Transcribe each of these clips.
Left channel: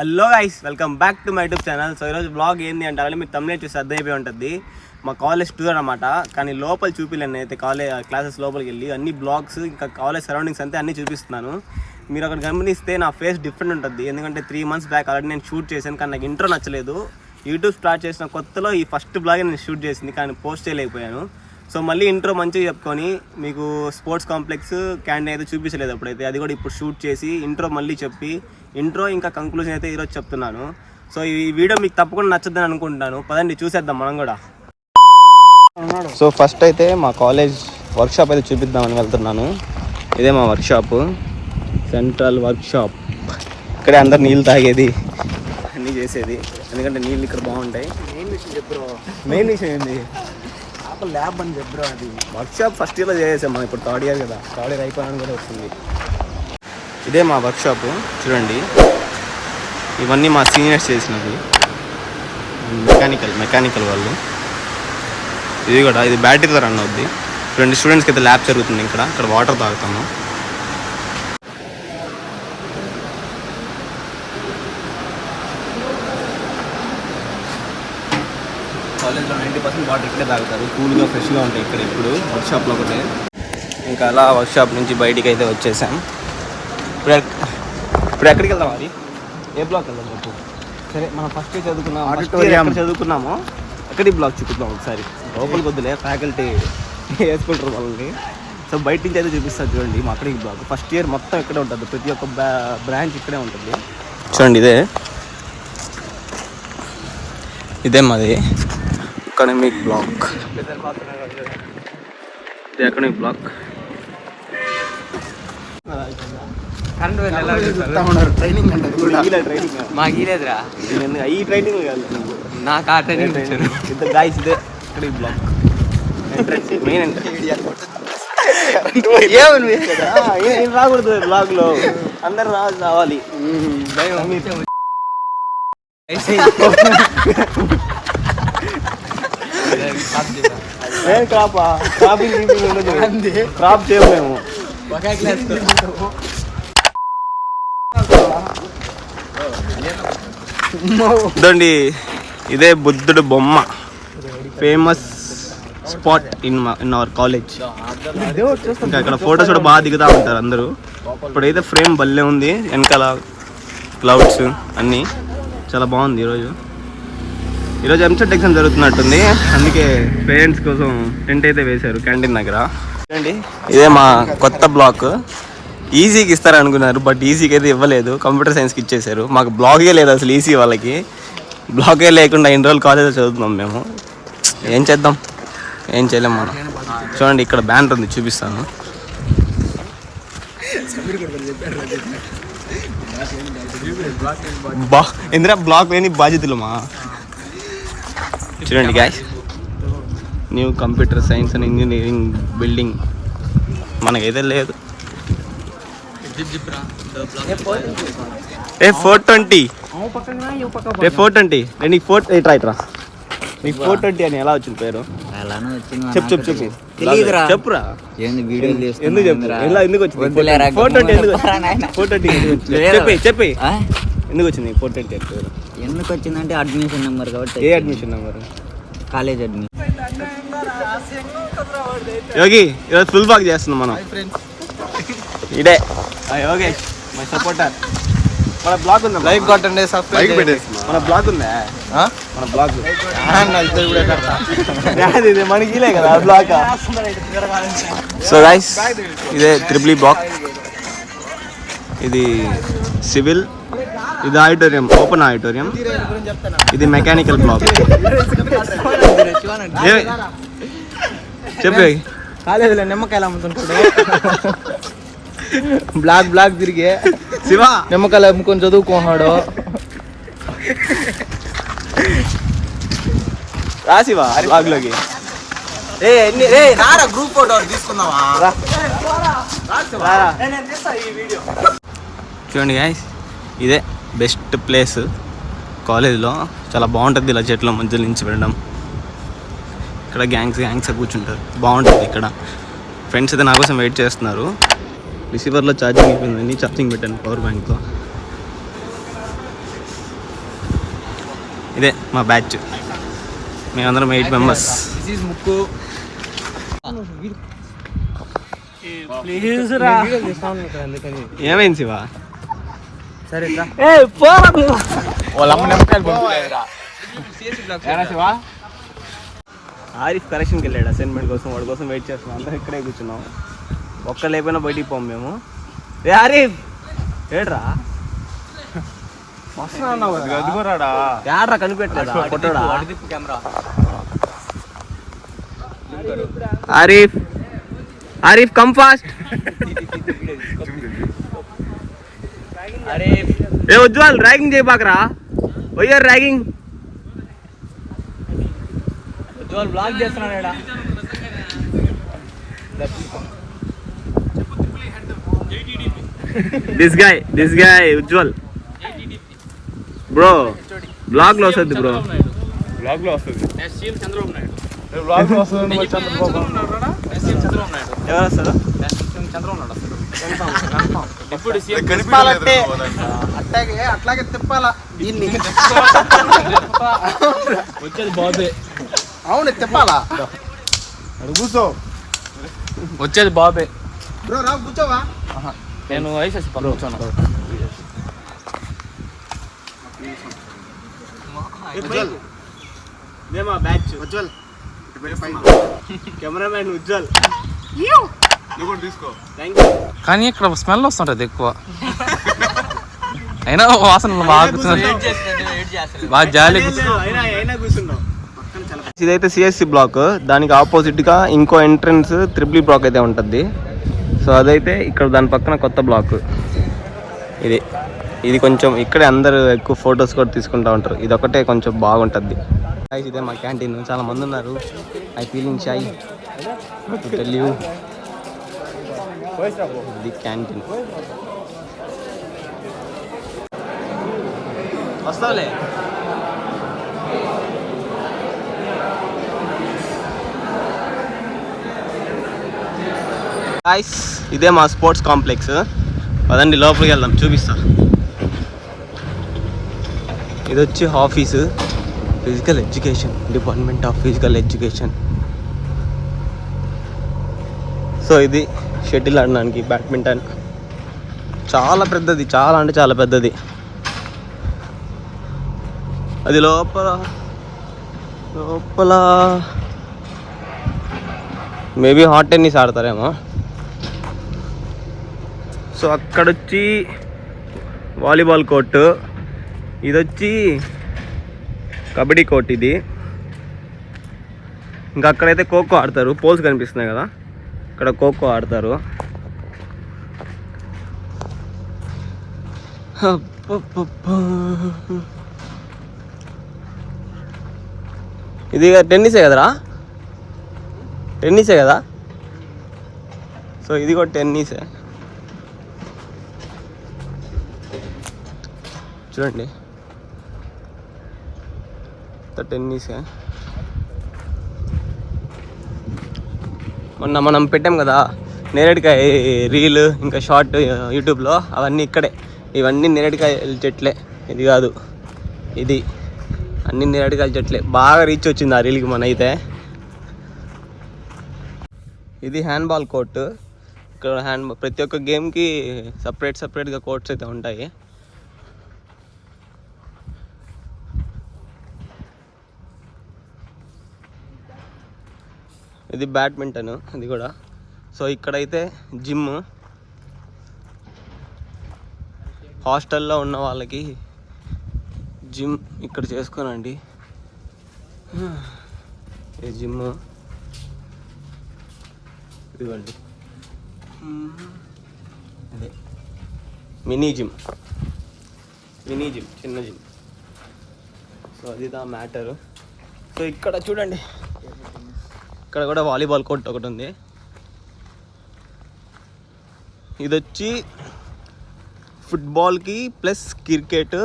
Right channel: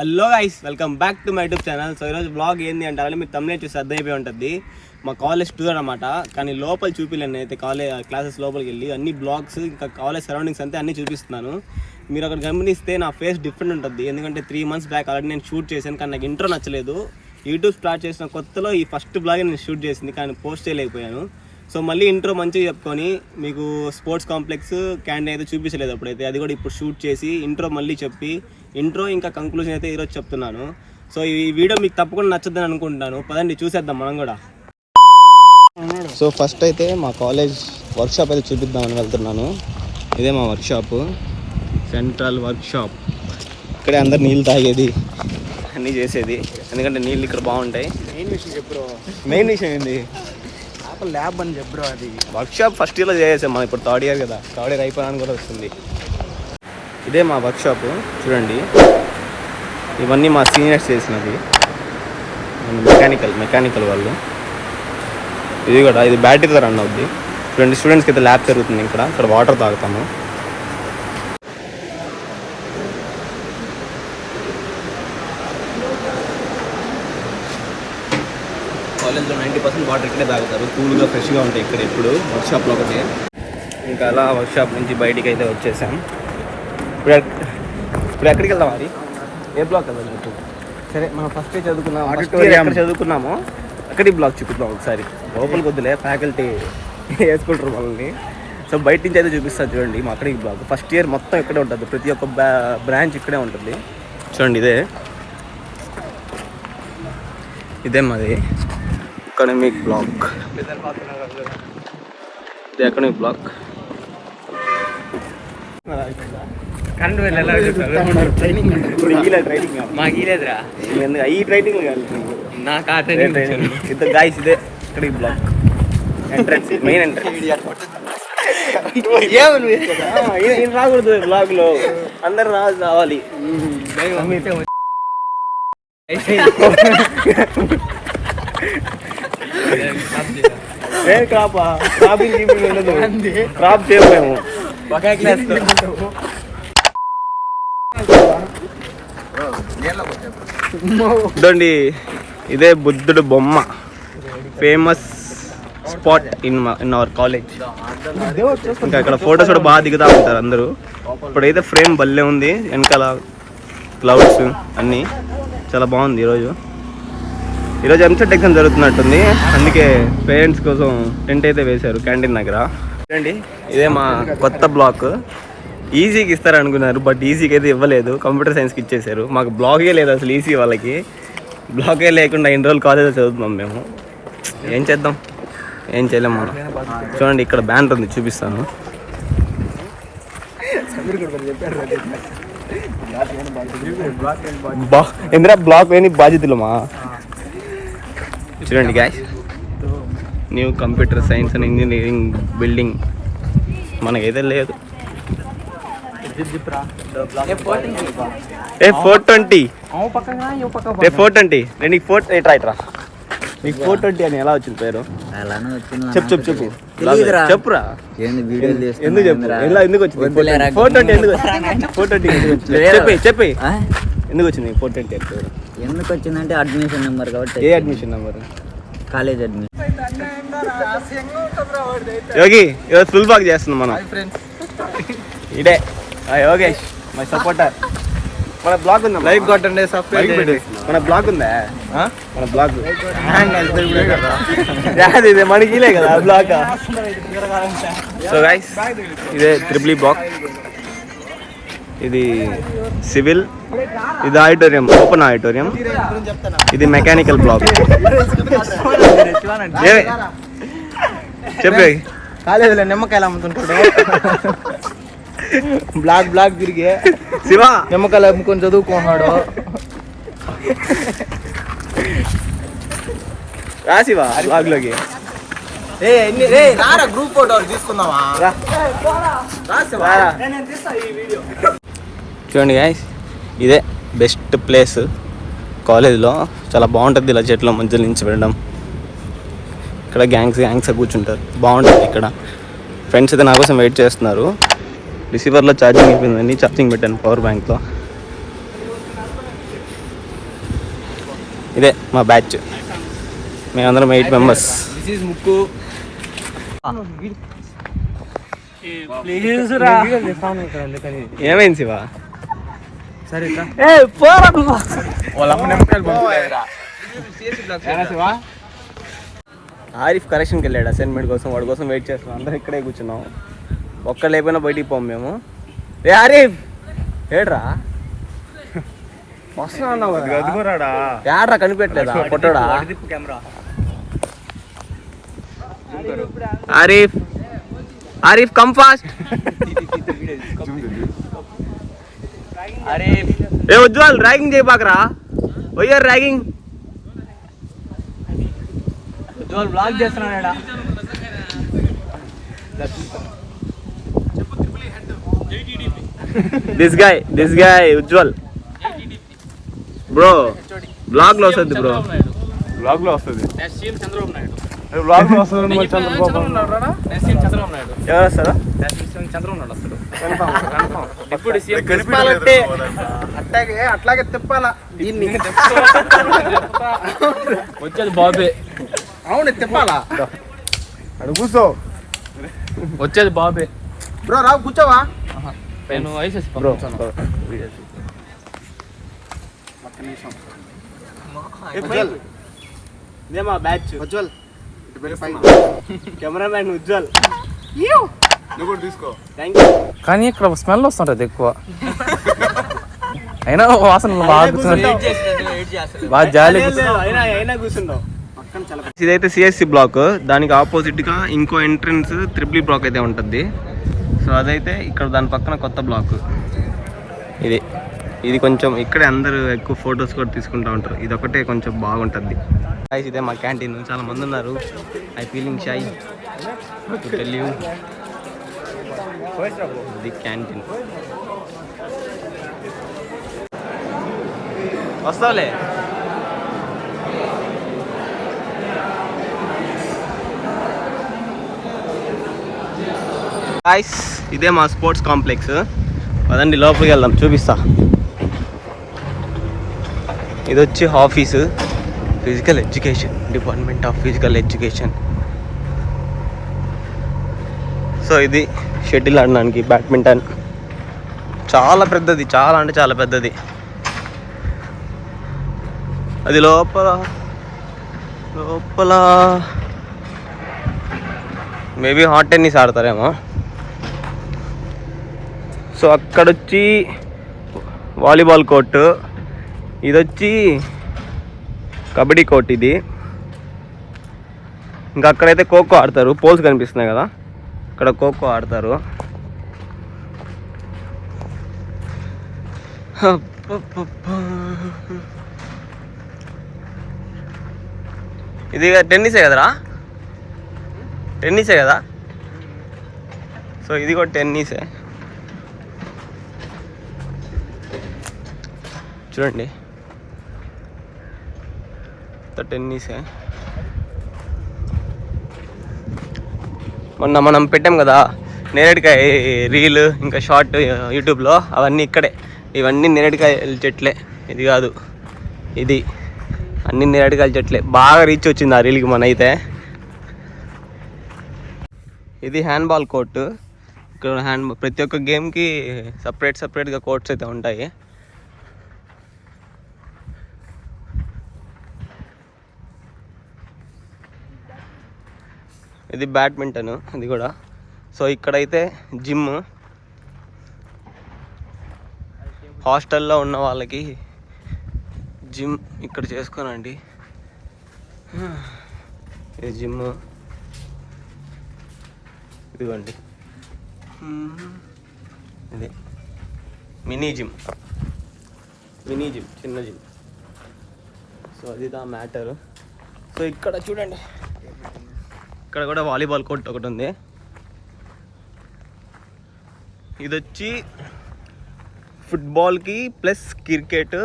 Hello guys, welcome back to my YouTube channel. So ఈరోజు blog ఏంది అంటే మీరు తమ్మునే చూసి అర్థమైపోయి ఉంటుంది. మా కాలేజ్ టూర్ అనమాట. కానీ లోపల చూపిలేను అయితే క్లాసెస్ లోపలికి వెళ్ళి అన్ని బ్లాగ్స్ ఇంకా కాలేజ్ సరౌండింగ్స్ అంతే అన్నీ చూపిస్తున్నాను. మీరు అక్కడ గమనిస్తే నా ఫేస్ డిఫరెంట్ ఉంటుంది. ఎందుకంటే 3 months బ్యాక్ ఆల్రెడీ నేను షూట్ చేశాను, కానీ నాకు ఇంట్రో నచ్చలేదు. యూట్యూబ్ స్టార్ట్ చేసిన కొత్తలో ఈ ఫస్ట్ బ్లాగే నేను షూట్ చేసింది, కానీ పోస్ట్ చేయలేకపోయాను. సో మళ్ళీ ఇంట్రో మంచిగా చెప్పుకొని మీకు స్పోర్ట్స్ కాంప్లెక్స్ క్యాంటీన్ అయితే చూపించలేదు అప్పుడైతే, అది కూడా ఇప్పుడు షూట్ చేసి ఇంట్రో మళ్ళీ చెప్పి ఇంట్రో ఇంకా కంక్లూజన్ అయితే ఈరోజు చెప్తున్నాను. సో ఈ వీడియో మీకు తప్పకుండా నచ్చద్దని అనుకుంటున్నాను. పదండి చూసేద్దాం మనం కూడా. సో ఫస్ట్ అయితే మా కాలేజ్ వర్క్షాప్ అయితే చూపిద్దామని వెళ్తున్నాను. ఇదే మా వర్క్షాప్, సెంట్రల్ వర్క్షాప్. ఇక్కడే అందరు నీళ్ళు తాగేది అన్నీ చేసేది, ఎందుకంటే నీళ్ళు ఇక్కడ బాగుంటాయి. మెయిన్ విషయం ఏంది, ల్యాబ్ అని చెప్పరు. అది వర్క్షాప్ ఫస్ట్ ఇయర్లో చేసేసాం, మనం ఇప్పుడు థర్డ్ ఇయర్ కదా, థర్డ్ ఇయర్ అయిపోయాను కూడా వస్తుంది. ఇదే మా వర్క్షాప్ చూడండి. ఇవన్నీ మా సీనియర్స్ చేసినవి, మెకానికల్ వాళ్ళు. ఇది కూడా ఇది బ్యాటరీతో రన్ అవుద్ది. చూడండి, స్టూడెంట్స్కి అయితే ల్యాబ్ జరుగుతుంది. ఇక్కడ వాటర్ తాగుతాము. కాలేజ్లో 90% వాటర్ ఇక్కడే తాగుతారు, కూల్గా ఫ్రెష్గా ఉంటాయి ఇక్కడ ఎప్పుడు వర్క్షాప్లో ఒకటి. ఇంకా అలా వర్క్షాప్ నుంచి బయటికి అయితే వచ్చేసాం. ఇప్పుడు ఎక్కడికి వెళ్దాం? అది ఏ బ్లాక్ వెళ్దాం చెప్పు. సరే, మనం ఫస్ట్ చదువుకున్నామో అక్కడి బ్లాక్ చూపిద్దాం ఒకసారి. లోపలికి వద్దులే, ఫ్యాకల్టీ వేసుకుంటారు వాళ్ళని. సో బయట నుంచి అయితే చూపిస్తారు చూడండి. మా అక్కడికి బ్లాక్ ఫస్ట్ ఇయర్ మొత్తం ఇక్కడే ఉంటుంది, ప్రతి ఒక్క బ్రాంచ్ ఇక్కడే ఉంటుంది. చూడండి, ఇదే మాది ఎకనామిక్ బ్లాక్. ఇది ఎకనామిక్ బ్లాక్. ఇదే ఇక్కడ బ్లాక్ ఎంట్రన్స్, మెయిన్ ఎంట్రన్స్. ఏం రాకూడదు బ్లాక్ లో, అందరు రావాలి. ఏం క్రాపింగ్ ఉండదు, క్రాప్ చేయలేము. ఇదండి, ఇదే బుద్ధుడు బొమ్మ, famous spot in our college. ఇంకా ఇక్కడ ఫొటోస్ కూడా బాగా దిగుతూ ఉంటారు అందరూ. ఇప్పుడైతే ఫ్రేమ్ భలే ఉంది, వెనకాల క్లౌడ్స్ అన్నీ చాలా బాగుంది. ఈరోజు ఎంసెట్ ఎగ్జామ్ జరుగుతున్నట్టుంది, అందుకే పేరెంట్స్ కోసం టెంట్ అయితే వేశారు క్యాంటీన్ దగ్గర. చూడండి, ఇదే మా కొత్త బ్లాక్. ఈజీకి ఇస్తారనుకున్నారు, బట్ ఈజీకి అయితే ఇవ్వలేదు, కంప్యూటర్ సైన్స్కి ఇచ్చేసారు. మాకు బ్లాగే లేదు అసలు. ఈజీ వాళ్ళకి బ్లాగే లేకుండా ఇన్ని రోజులు కాలేజ్లో చదువుతున్నాం మేము. ఏం చేద్దాం, ఏం చేయలేం మనం. చూడండి, ఇక్కడ బ్యానర్ ఉంది, చూపిస్తాను. ఇందిరా బ్లాక్ లేని బాధ్యతలమా. చూడండి guys, new computer science and engineering building మనకైతే లేదు. 420 నీకు 420 అని ఎలా వచ్చింది పేరు? చెప్పు చెప్పురా. ఎందుకు చెప్పు, ఎందుకు వచ్చింది 420? చెప్పి ఎందుకు వచ్చింది 420 అని పేరు? ఎందుకు వచ్చిందంటే అడ్మిషన్ నెంబర్ కాబట్టి. ఏ admission number? College admission. Yogi, ఈరోజు ఫుల్ బాగ్ చేస్తున్నాం మనం. ఇదే యోగేష్, మై సపోర్టర్. మన బ్లాగ్ ఉందా? లైక్ కొట్టండి, సబ్స్క్రైబ్ చేయండి. మన బ్లాగ్ ఉందా? మన బ్లాగ్ ఇదే మనకిలే కదా బ్లాగ్. సో గైస్, ఇదే త్రిబుల్ బ్లాక్. ఇది సివిల్, ఇది ఆడిటోరియం, ఓపెన్ ఆడిటోరియం. ఇది మెకానికల్ బ్లాక్. చెప్పి కాలేజీలో నిమ్మకాయలు అమ్ముతుంటాడు. బ్లాక్ తిరిగి శివ నిమ్మకాయలు అమ్ముకొని చదువుకున్నాడు. రా శివ బ్లాగ్ లోకి. గ్రూప్ ఫోటో తీసుకుందామా? చూడండి గాయ్స్, ఇదే బెస్ట్ ప్లేస్ కాలేజ్లో. చాలా బాగుంటుంది ఇలా చెట్ల మధ్యలో నుంచి వెళ్ళడం. ఇక్కడ గ్యాంగ్స్ కూర్చుంటారు, బాగుంటుంది ఇక్కడ. ఫ్రెండ్స్ అయితే నా కోసం వెయిట్ చేస్తున్నారు. రిసీవర్లో ఛార్జింగ్ అయిపోయిందండి, ఛార్జింగ్ పెట్టాను పవర్ బ్యాంక్లో. ఇదే మా బ్యాచ్, మేమందరం 8 మెంబర్స్. ముక్కు ఏమైంది శివ? ఆరిఫ్ కరెక్షన్కి వెళ్ళాడు అసైన్మెంట్ కోసం, వాడి కోసం వెయిట్ చేస్తున్నాం. అందరం ఇక్కడే కూర్చున్నాం, ఒక్క లేకపోయినా బయటికి పోం మేము. రే ఆరిఫ్ ఏడ్రా వస్తున్నా అన్నావు కదా, ఏడ్రా కనిపెట్టలేదా కొట్టడా? Arif Arif come fast. ఏ ఉజ్వల్ ర్యాగింగ్ చేయబాకరా, వయ్యారు ragging. This guy Ujjwal bro, blog లో వస్తుంది బ్రో, బ్లాగ్ లో వస్తుంది. చంద్రబాబు నాయుడు ఎవరు వస్తారా? ఇప్పుడు అట్లాగే తిప్పాలా దీన్ని. వచ్చేది బాబే. అవును తిప్పాలా, అడు కూర్చో. వచ్చేది బాబే. బ్రో రావు కూర్చోవా? నేను వేసేసి బ్రో ఇదే మా బ్యాచ్. ఉజ్వల్ కెమెరామ్యాన్ ఉజ్వల్. నువ్వు కూడా తీసుకో. Thank you. కానీ ఇక్కడ స్మెల్ వస్తుంటది ఎక్కువ, అయినా వాసన బాగా జాలి. అయినా కూర్చుంటాం. ఇదైతే సిఎస్సి బ్లాక్, దానికి ఆపోజిట్ గా ఇంకో ఎంట్రన్స్ త్రిబుల్ బ్లాక్ అయితే ఉంటుంది. సో అదైతే ఇక్కడ దాని పక్కన కొత్త బ్లాక్ ఇది కొంచెం ఇక్కడే అందరూ ఎక్కువ ఫొటోస్ కూడా తీసుకుంటూ ఉంటారు. ఇది ఒకటే కొంచెం బాగుంటుంది. ఇదే మా క్యాంటీన్, చాలా మంది ఉన్నారు. I feeling shy to tell you the canteen. వస్తావులే. గాయ్స్ ఇదే మా స్పోర్ట్స్ కాంప్లెక్స్. పదండి లోపలికి వెళ్దాం, చూపిస్తా. ఇది వచ్చి office, physical education, department of physical education. So ఇది షటిల్ ఆడడానికి, బ్యాడ్మింటన్. చాలా పెద్దది, చాలా అంటే చాలా పెద్దది. అది లోపల మేబీ హాట్ టెన్నిస్ ఆడతారేమో. సో అక్కడొచ్చి వాలీబాల్ కోర్టు, ఇది వచ్చి కబడ్డీ కోర్ట్. ఇది ఇంకా అక్కడైతే ఖోఖో ఆడతారు. పోల్స్ కనిపిస్తున్నాయి కదా, ఇక్కడ ఖోఖో ఆడతారు. ఇది టెన్నిసే కదరా, టెన్నిసే కదా. సో ఇది కూడా టెన్నిసే. చూడండి టెన్నిసే. మొన్న మనం పెట్టాం కదా నేరేడుకాయ రీల్, ఇంకా షార్ట్ యూట్యూబ్లో, అవన్నీ ఇక్కడే. ఇవన్నీ నేరేడుకాయల చెట్లే, ఇది కాదు, ఇది అన్ని నేరేడుకాయల చెట్లే. బాగా రీచ్ వచ్చింది ఆ రీల్కి మన అయితే. ఇది హ్యాండ్బాల్ కోర్టు. ఇక్కడ ప్రతి ఒక్క గేమ్కి సపరేట్గా కోర్ట్స్ అయితే ఉంటాయి. ఇది బ్యాడ్మింటన్, ఇది కూడా. సో ఇక్కడైతే జిమ్, హాస్టల్లో ఉన్న వాళ్ళకి జిమ్ ఇక్కడ చేసుకోనండి. ఇది జిమ్, ఇదిగోండి అదే మినీ జిమ్, చిన్న జిమ్. సో అది దా మ్యాటరు. సో ఇక్కడ చూడండి, ఇక్కడ కూడా వాలీబాల్ కోర్ట్ ఒకటి ఉంది. ఇది వచ్చి ఫుట్బాల్కి ప్లస్ క్రికెట్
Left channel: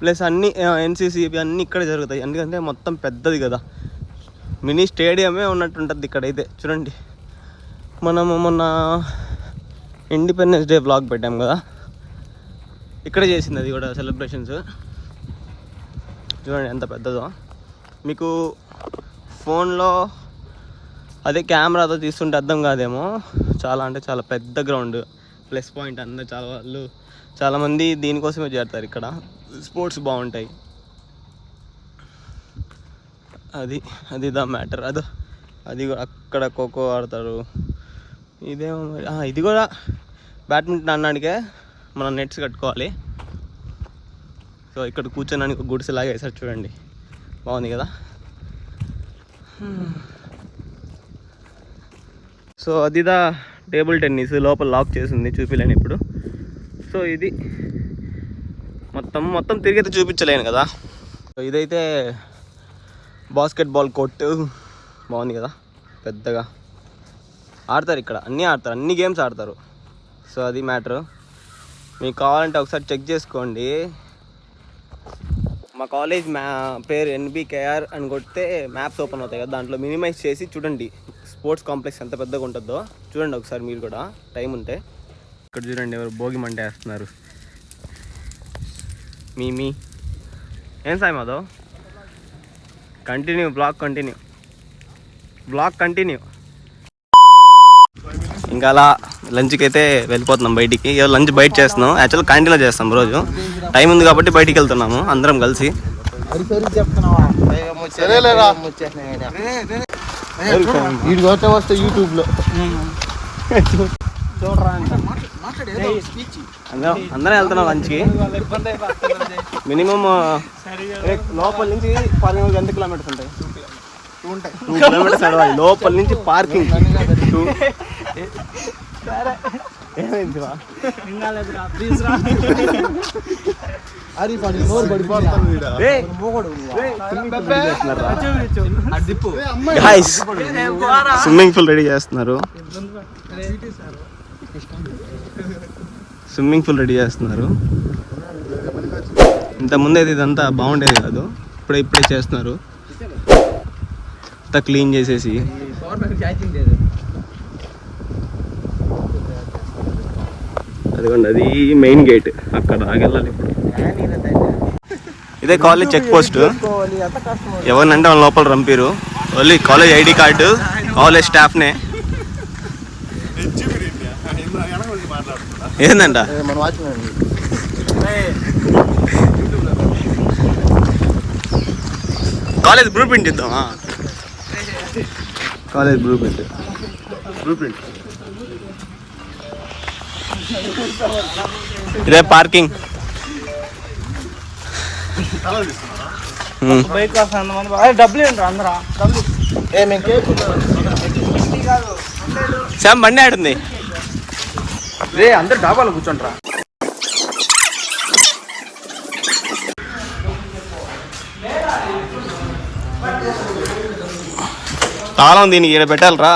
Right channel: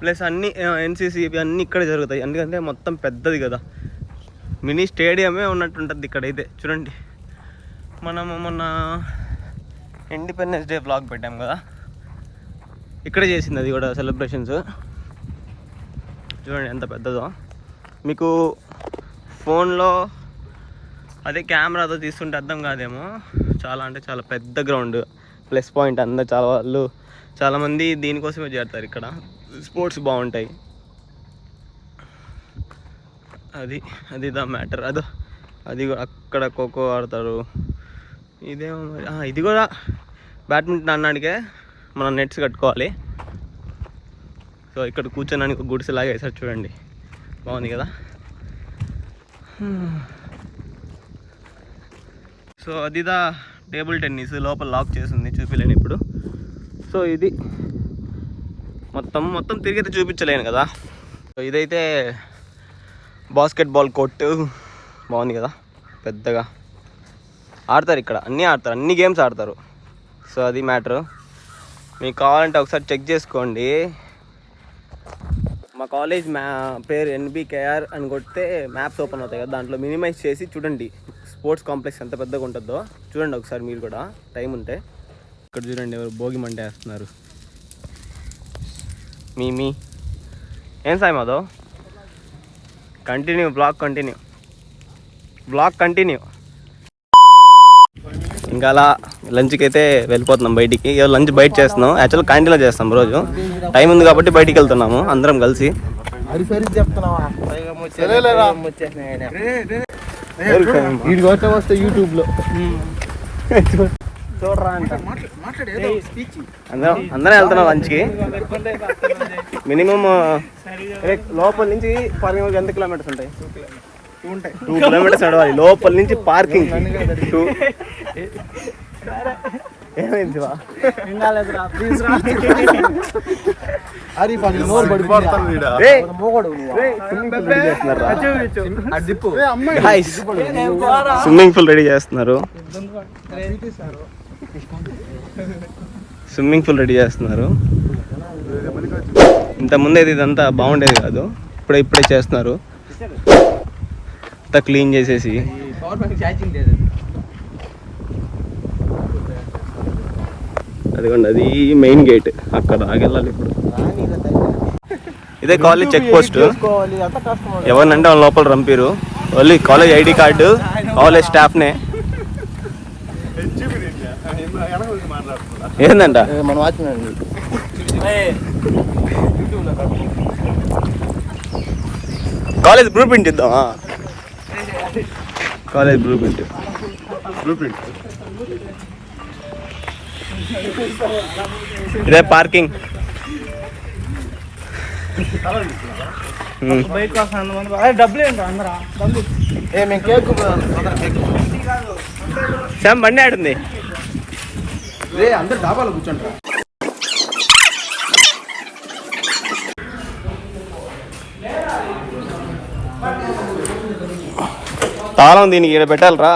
ప్లస్ అన్ని ఎన్సీసీ అన్నీ ఇక్కడే జరుగుతాయి. ఎందుకంటే మొత్తం పెద్దది కదా, మినీ స్టేడియమే ఉన్నట్టుంటుంది ఇక్కడైతే. చూడండి, మనము మొన్న ఇండిపెండెన్స్ డే వ్లాగ్ పెట్టాము కదా, ఇక్కడే చేసింది అది కూడా సెలబ్రేషన్స్. చూడండి ఎంత పెద్దదో. మీకు ఫోన్లో అదే కెమెరాతో తీస్తుంటే అర్థం కాదేమో, చాలా అంటే చాలా పెద్ద గ్రౌండ్. ప్లస్ పాయింట్ అందరూ చాలామంది దీనికోసమే చేరుతారు ఇక్కడ. స్పోర్ట్స్ బాగుంటాయి. అది దా మ్యాటర్. అది అక్కడ ఖోఖో ఆడతారు. ఇదేమో మరి ఇది కూడా బ్యాడ్మింటన్ అన్నాడికే మనం నెట్స్ కట్టుకోవాలి. సో ఇక్కడ కూర్చోడానికి గుడిసెలాగా వేసారు చూడండి, బాగుంది కదా. సో అదిదా టేబుల్ టెన్నిస్, లోపల లాక్ చేసింది, చూపించలేను ఇప్పుడు. సో ఇది మొత్తం తిరిగితే చూపించలేను కదా. సో ఇదైతే బాస్కెట్బాల్ కోర్టు, బాగుంది కదా, పెద్దగా ఆడతారు ఇక్కడ. అన్ని గేమ్స్ ఆడతారు. సో అది మ్యాటరు. మీకు కావాలంటే ఒకసారి చెక్ చేసుకోండి. మా కాలేజ్ పేరు NBKR అని కొడితే మ్యాప్స్ ఓపెన్ అవుతాయి కదా, దాంట్లో మినిమైజ్ చేసి చూడండి స్పోర్ట్స్ కాంప్లెక్స్ ఎంత పెద్దగా ఉంటుందో. చూడండి ఒకసారి మీరు కూడా టైం ఉంటే. ఇక్కడ చూడండి ఎవరు భోగి మంట వేస్తున్నారు. మీ ఏం సాయి మాధవ్? Blog continue. ఇంకా అలా లంచ్కి అయితే వెళ్ళిపోతున్నాం బయటికి. లంచ్ బయట చేస్తున్నాం, యాక్చువల్ క్యాంటీన్లో చేస్తాం రోజు. టైం ఉంది కాబట్టి బయటికి వెళ్తున్నాము అందరం కలిసి. యూట్యూబ్లో చూడరా అంట. అందరం వెళ్తున్నాం లంచ్కి. మినిమం లోపల నుంచి పార్కింగ్ ఎంత కిలోమీటర్స్ ఉంటాయి? 2 కిలోమీటర్స్ నడవాలి లోపల నుంచి పార్కింగ్. ఏమైంది? స్విమ్మింగ్ పూల్ రెడీ చేస్తున్నారు. ఇంతకుముందు అయితే ఇదంతా బాగుండేది కాదు, ఇప్పుడే చేస్తున్నారు. అంతా క్లీన్ చేసేసి. అదిగోండి అది మెయిన్ గేట్, అక్కడ ఆగెళ్ళాలి ఇప్పుడు. ఇదే కాలేజ్ చెక్ పోస్ట్. ఎవరినంటే వాళ్ళ లోపల రంపిరు. Only college ID card, college స్టాఫ్నే. ఏందంట కాలేజ్ బ్లూ ప్రింట్ ఇద్దామా? College blueprint. ఇదే పార్కింగ్. శామ్ బండి ఆడుంది. అందరు డాబాలో కూర్చోండి. తాళం దీనికి ఇక్కడ పెట్టాలరా.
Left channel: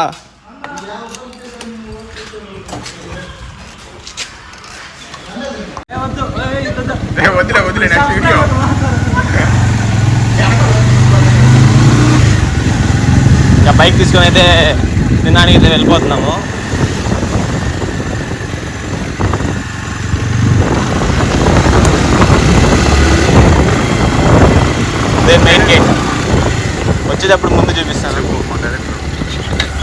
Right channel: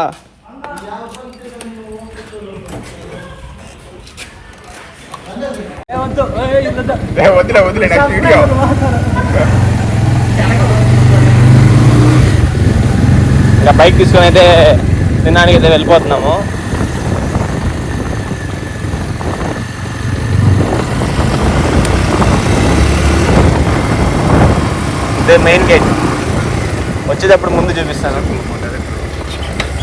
ఇంకా బైక్ తీసుకొని అయితే తినడానికి అయితే వెళ్ళిపోతున్నాము. ఇదే మెయిన్ గేట్. వచ్చేటప్పుడు ముందు చూపిస్తాను.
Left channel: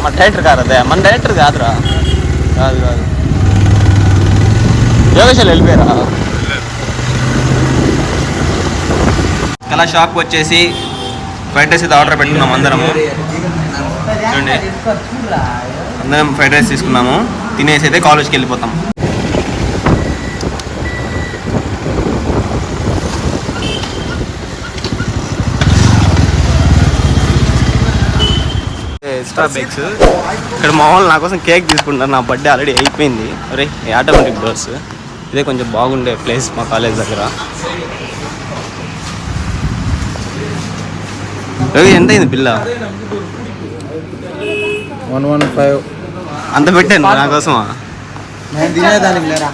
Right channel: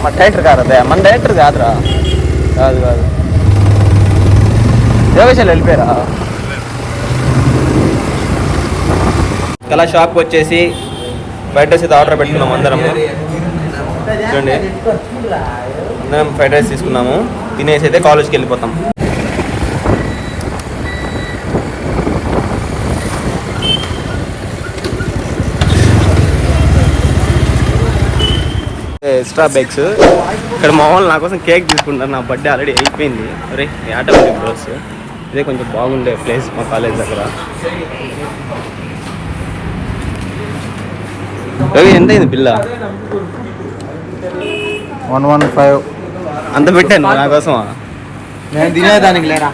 మా డైరెక్టర్ కాదు, అదే మన డైరెక్టర్ కాదురా. కాదు యోగేశాలు వెళ్ళిపోయారా? కళా షాప్కి వచ్చేసి ఫ్రైడ్ రైస్ అయితే ఆర్డర్ పెట్టుకున్నాము అందరము. చూడండి అందరం ఫ్రైడ్ రైస్ తీసుకున్నాము, తినేసి అయితే కాలేజ్కి వెళ్ళిపోతాం. Extra bikes. ఇక్కడ మా వాళ్ళు నా కోసం కేక్ తీసుకుంటారు. నా బర్త్డే ఆల్రెడీ అయిపోయింది. అరే ఆటోమేటిక్ డోర్స్. ఇదే కొంచెం బాగుండే ప్లేస్ మా కాలేజ్ దగ్గర. ఎంత అయింది బిల్ల? 115. అంత పెట్టాను నా కోసమా? నేను తినేదానికి లేరా.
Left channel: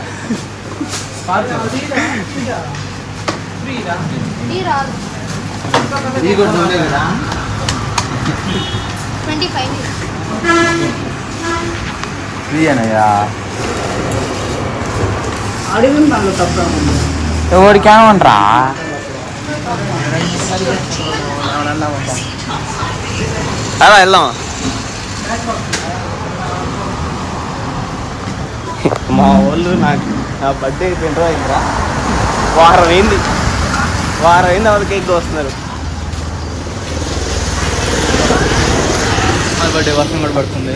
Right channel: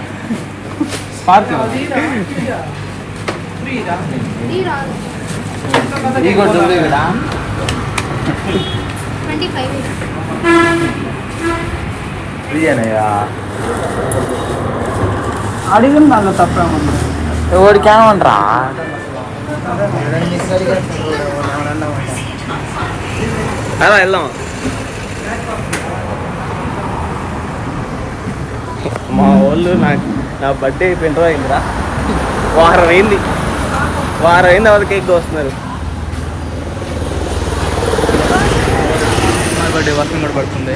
ఎవరికి ఏమంటారా? అలా వెళ్దాం. మా వాళ్ళు నా బర్త్డే అయిపోయిన రోజు అయిందిరా. వారం అయింది వాళ్ళు కేక్ వస్తున్నారు. వర్షం కూడా పడుతుంది.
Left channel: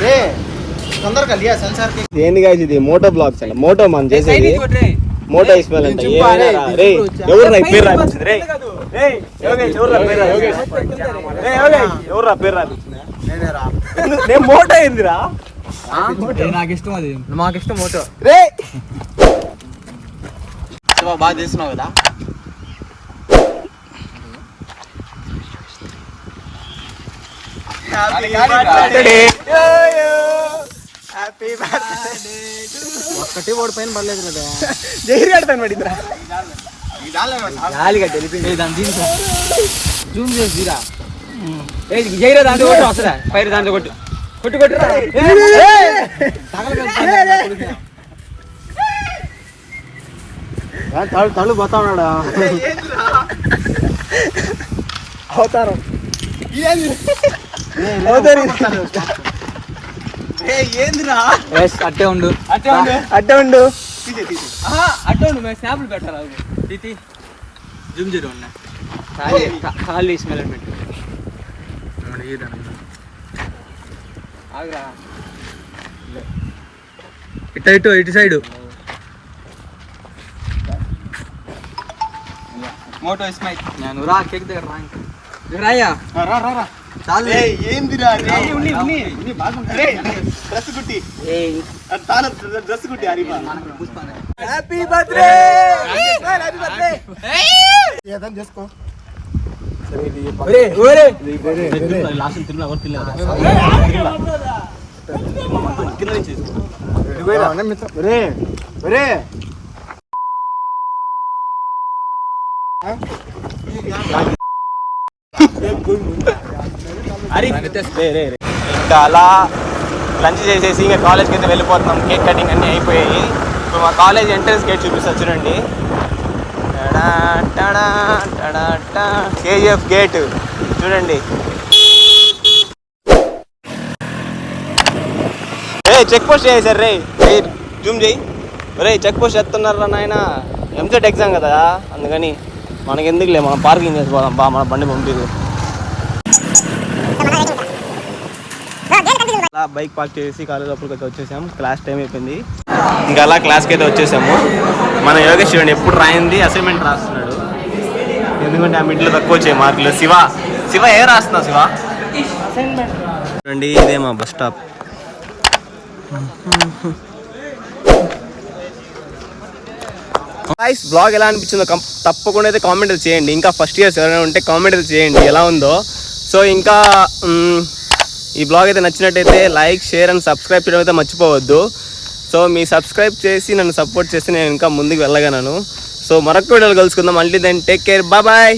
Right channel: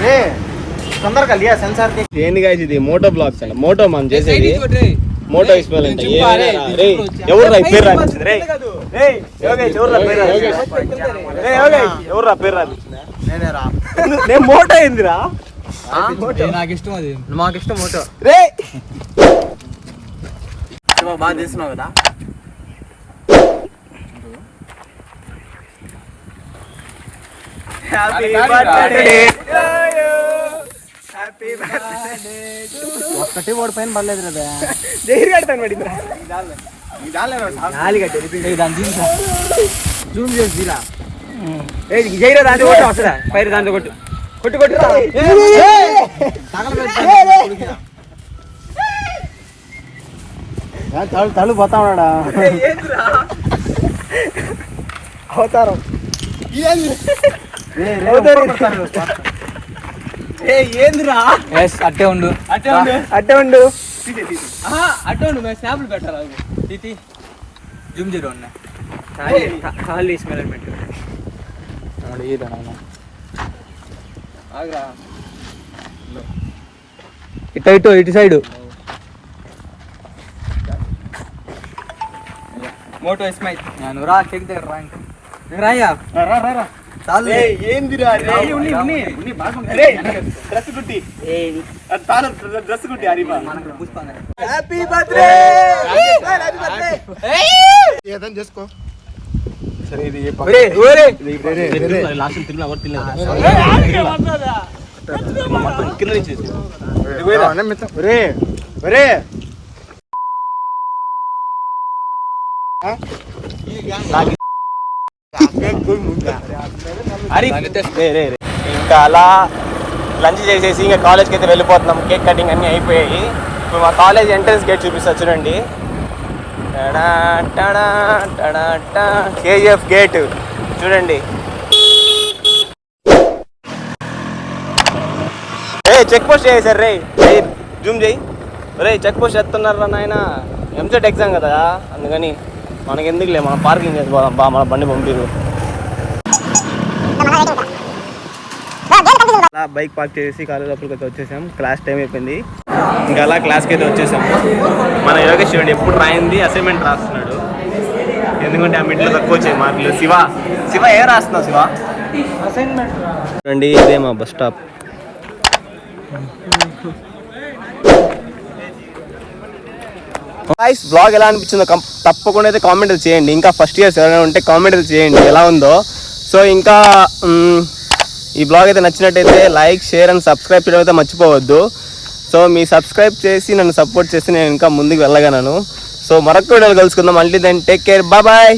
ఏంది గాయస్ ఇది? మోటో బ్లాగ్స్ అంట. మోటో మనం చేసేది మోటో ఇస్మాయిల్ అంట. ఏమైనా రే ఎవరు రా పేరు రాపించింది? రే ఎవరు రా పేరు రాపించింది? నేను మోటో అయిందిరా. నాకు ఇష్టం అది. మాకు ఇష్టం మోటో. రే బాగా తీస్తున్నావు కదా. హ్యాపీ బర్త్డే ఒకటి కూడా పైన పడలేదు కదా. జైలు కడతాను పడిందిరా. జూమ్ చేసిరా. జైరా దాంట్లో కొట్టు వస్తుందా? పైరు దాంట్లో కొట్టు కొట్టు కొట్టు. తను పోతా ఉన్నాడా? అవతారం ఏందిరా? అట్టే ఉండు అట్టే ఉండు. అట్టే ఉండు. మేము స్నాప్లు పెట్టాలి. తీతి జూమ్ చేయరు అన్న. ఖాళీ స్మెల్ పెట్టు. ఆగ్రా ఇటు సైడ్ మోటో ఇస్మైల్. నేను రా కేక్ దగ్గర రా. రాయ్యా ఏందిరా? డ్రెస్ కుట్టి డ్రెస్ కుట్టి హరిబా. హ్యాపీ బర్త్డే ఏదైనా చేసుకో. లాస్ట్ తిరుమల కింద నుంచి ఇంకా అలా లంచ్ చేసేసి ఇంకా కాలేజ్కి అయితే వెళ్ళిపోతున్నాం. కేక్ కటింగ్ అన్నీ అయిపోయాయి. ఇప్పుడు మా కాలేజ్ ఎంట్రన్స్ గేట్ చూపిస్తా చూడండి. కేజీఎఫ్ గేట్ చూడండి. చెక్ పోస్ట్ చేసారు రే. జూమ్ చేయి. రే చెక్ పోస్ట్ చేస్తున్నారా నాయన? ఎంసెట్ ఎగ్జామ్ కదా, అందుకని మనకి ఎందుకులే, మనం పార్కింగ్ చేసుకోదాం బా. మన బండి పంపిరు. అలా బైక్ పార్క్ చేసి కాలేజ్ లోపలికి అయితే వచ్చేసాము. క్లాస్ టైం అయిపోయింది. ఇంకా అలా క్లాస్కి అయితే వచ్చేసాము. మన యోగేష్ చూడండి ఎప్పుడు రాయింది అసైన్మెంట్ రాస్తున్నాడు. ఎందుకంటే ఆ మిడ్లో తక్కువ వచ్చాయి మార్కులు. శివ ఏ రాస్తున్నావు శివ? అసైన్మెంట్ చూడండి. ఇదే మా బస్ స్టాప్. గాయ్స్ బ్లాగ్ ఎలా అనిపించిందో తప్పకుండా అయితే కామెంట్ చేయండి. ఇంకా ఫస్ట్ ఇయర్స్ ఎవరైనా ఉంటే కామెంట్ చేయండి ఎలా ఉందో. సో ఇంకా ఈ బ్లాగ్ అయితే నచ్చినట్టయితే లైక్, షేర్ అండ్ సబ్స్క్రైబ్ చేయడం అయితే మర్చిపోవద్దు. సో మీ సబ్స్క్రైబ్ చేసి నన్ను సపోర్ట్ చేసి నేను ఇంకా ముందుకు వెళ్ళగలను. సో మరొక వీడియోలో కలుసుకుందాం. మళ్ళీ దెన్ టేక్ కేర్, బాయ్.